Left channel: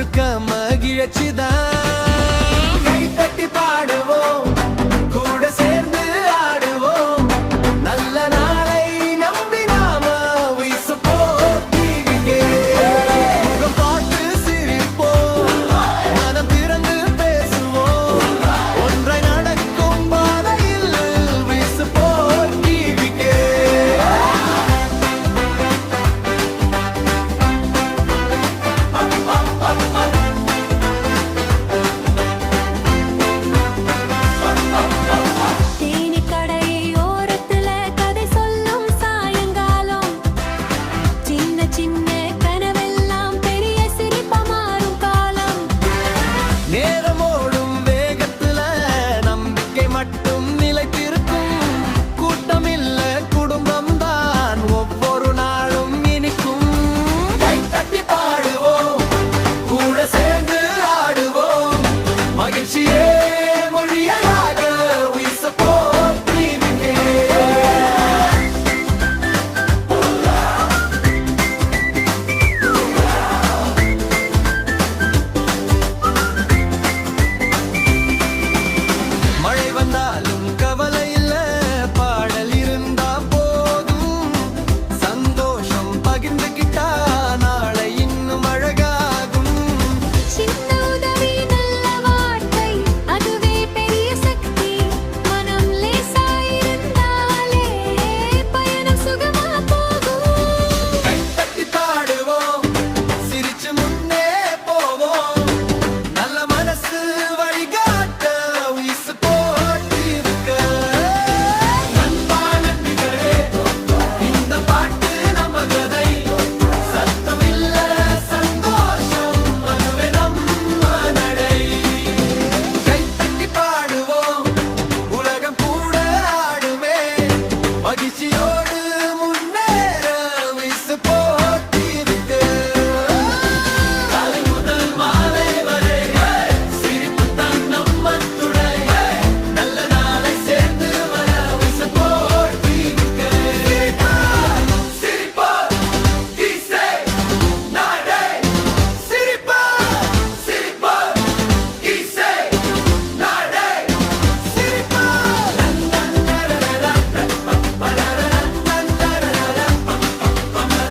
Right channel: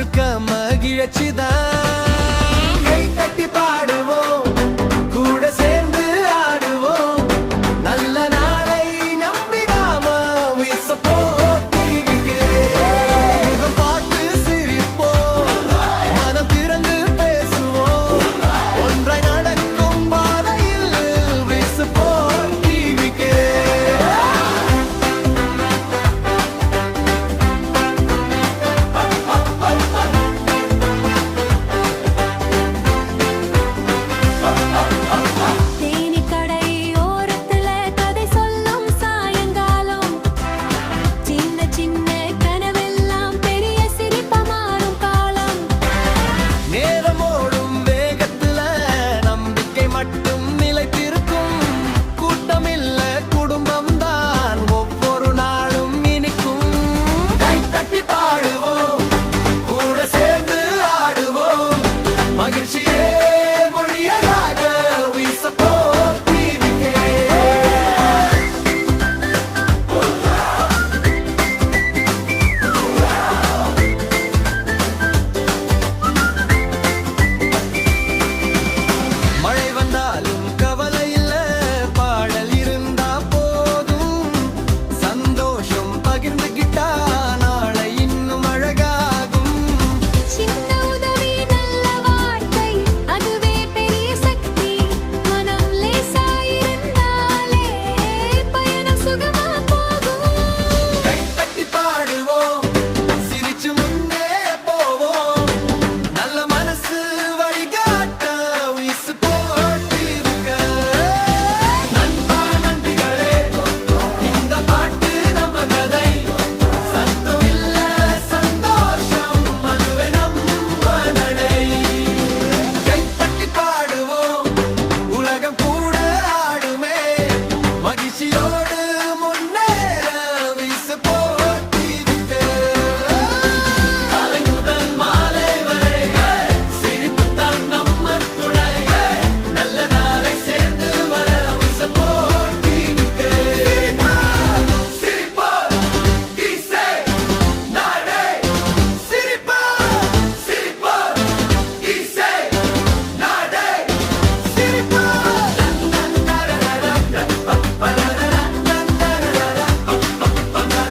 முழுக்க மகிழ்ச்சிதான். கை தட்டி பாடுவோம், கூட சேர்ந்து ஆடுவோம், நல்ல நாளை நம்பி நாம we support TVK. முகம் பார்த்து சிரிப்போம், மனம் திறந்து பேசுவோம், ஒன்றாய் நடக்கும் பாதையில் we support TVK. சின்ன கனவெல்லாம் பெரிய சிரிப்பா மாறும் காலம். நேரமோடும் வேகத்துல நம்பிக்கை மட்டும் நிலைத்திருக்கும். கூட்டமில்ல குடும்பம் தான் ஒவ்வொரு நாளும் இனிக்கும். கை தட்டி பாடுவோம், கூட சேர்ந்து ஆடுவோம், மகிழ்ச்சியே மொழியாக we support TVK. மழை வந்தாலும் கவலை இல்ல, பாடல் இருந்தா போதும், சந்தோஷம் பகிர்ந்துகிட்டா